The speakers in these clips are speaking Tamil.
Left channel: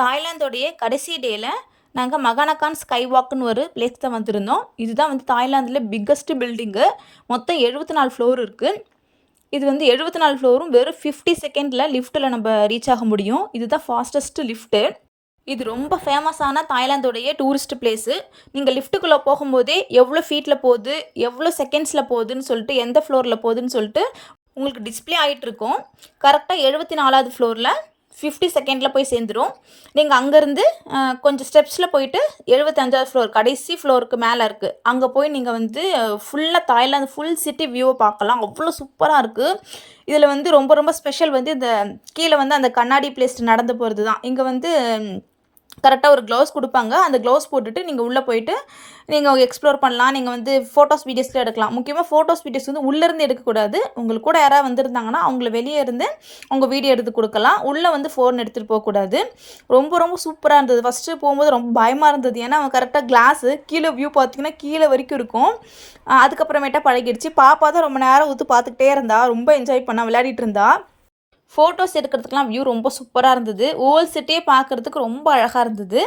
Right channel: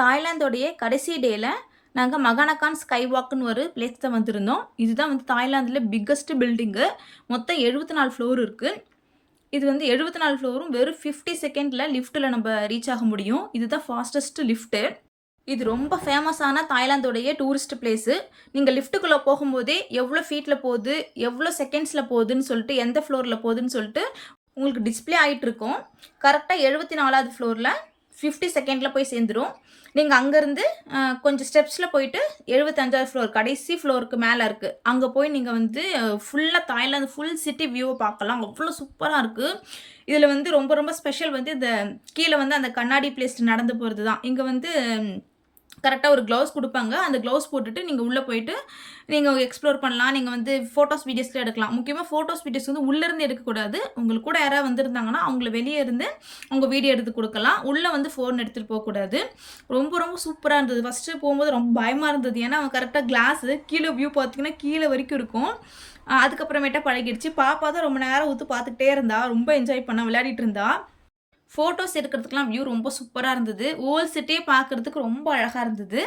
தாய்லாந்தோடைய கடைசி டேல நாங்கள் மகானகான் ஸ்கை வாக்குன்னு ஒரு பிளேஸ் தான் வந்திருந்தோம். இதுதான் வந்து தாய்லாந்தில் பிக்கஸ்ட் பில்டிங்கு. மொத்தம் 74 ஃப்ளோர் இருக்குது. இது வந்து 74 ஃப்ளோரும் வெறும் 50 செகண்டில் லிஃப்ட்டில் நம்ம ரீச் ஆக முடியும். இதுதான் ஃபாஸ்டஸ்ட் லிஃப்ட்டு. இது ரொம்ப ஃபேமஸான தாய்லாந்தோடைய டூரிஸ்ட் பிளேஸு. நீங்கள் லிஃப்ட்டுக்குள்ளே போகும்போதே எவ்வளோ ஃபீட்டில் போகுது, எவ்வளோ செகண்ட்ஸில் போகுதுன்னு சொல்லிட்டு, எந்த ஃப்ளோரில் போகுதுன்னு சொல்லிட்டு உங்களுக்கு டிஸ்பிளே ஆகிட்டு இருக்கும். கரெக்டாக 74வது ஃப்ளோரில் 50 செகண்டில் போய் சேர்ந்துடும். நீங்கள் அங்கேருந்து கொஞ்சம் ஸ்டெப்ஸில் போயிட்டு 75வது ஃப்ளோர் கடைசி ஃப்ளோருக்கு மேலே இருக்குது. அங்கே போய் நீங்கள் வந்து ஃபுல்லாக தாய்லாந்து ஃபுல் சிட்டி வியூவை பார்க்கலாம். அவ்வளோ சூப்பராக இருக்குது. இதில் வந்து ரொம்ப ரொம்ப ஸ்பெஷல் வந்து இந்த கீழே வந்து அந்த கண்ணாடி பிளேஸ் நடந்து போகிறது தான். இங்கே வந்து கரெக்டாக ஒரு க்ளவுஸ் கொடுப்பாங்க. அந்த க்ளவுஸ் போட்டுட்டு நீங்கள் உள்ளே போயிட்டு நீங்கள் எக்ஸ்ப்ளோர் பண்ணலாம். நீங்கள் வந்து ஃபோட்டோஸ் வீடியோஸ்லாம் எடுக்கலாம். முக்கியமாக ஃபோட்டோஸ் வீடியோஸ் வந்து உள்ளேருந்து எடுக்கக்கூடாது. உங்களுக்கு கூட யாராவது வந்திருந்தாங்கன்னா அவங்கள வெளியே இருந்து அவங்க வீடியோ எடுத்து கொடுக்கலாம். உள்ளே வந்து ஃபோன் எடுத்துகிட்டு போகக்கூடாது. ரொம்ப ரொம்ப சூப்பராக இருந்தது. ஃபஸ்ட்டு போகும்போது ரொம்ப பயமாக இருந்தது. ஏன்னா அவன் கரெக்டாக கிளாஸு கீழே வியூ பார்த்திங்கன்னா கீழே வரைக்கும் இருக்கும். அதுக்கப்புறமேட்டா பழகிடுச்சு. பாப்பா தான் ரொம்ப நேரம் ஊற்று பார்த்துக்கிட்டே இருந்தா. ரொம்ப என்ஜாய் பண்ணா, விளையாடிட்டு இருந்தா. ஃபோட்டோஸ் எடுக்கிறதுக்கெலாம் வியூ ரொம்ப சூப்பராக இருந்தது. ஓல்ட் சிட்டியே பார்க்குறதுக்கு ரொம்ப அழகாக இருந்தது.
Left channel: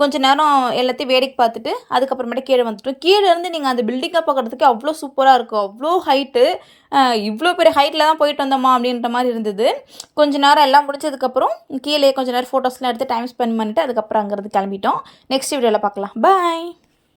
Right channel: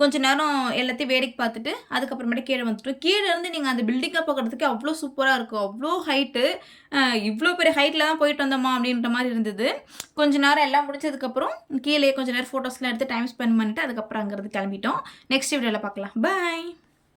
கொஞ்சம் நேரம் எல்லாத்தையும் வேடிக்கை பார்த்துட்டு அதுக்கப்புறமேட்டு கீழே வந்துட்டோம். கீழே இருந்து நீங்கள் அந்த பில்டிங்கை பார்க்குறதுக்கு அவ்வளோ சூப்பராக இருக்கும். அவ்வளோ ஹைட்டு. இவ்வளோ பெரிய ஹைட்டில் தான் போயிட்டு வந்தோமா அப்படின்ற மாதிரி இருந்தது. கொஞ்சம் நேரம் எல்லாம் முடிச்சதுக்கப்புறம் கீழே கொஞ்சம் நேரம் ஃபோட்டோஸ்லாம் எடுத்து டைம் ஸ்பெண்ட் பண்ணிவிட்டு அதுக்கப்புறம் அங்கேருந்து கிளம்பிட்டோம். நெக்ஸ்ட் வீடியோவில் பார்க்கலாம். பாய்.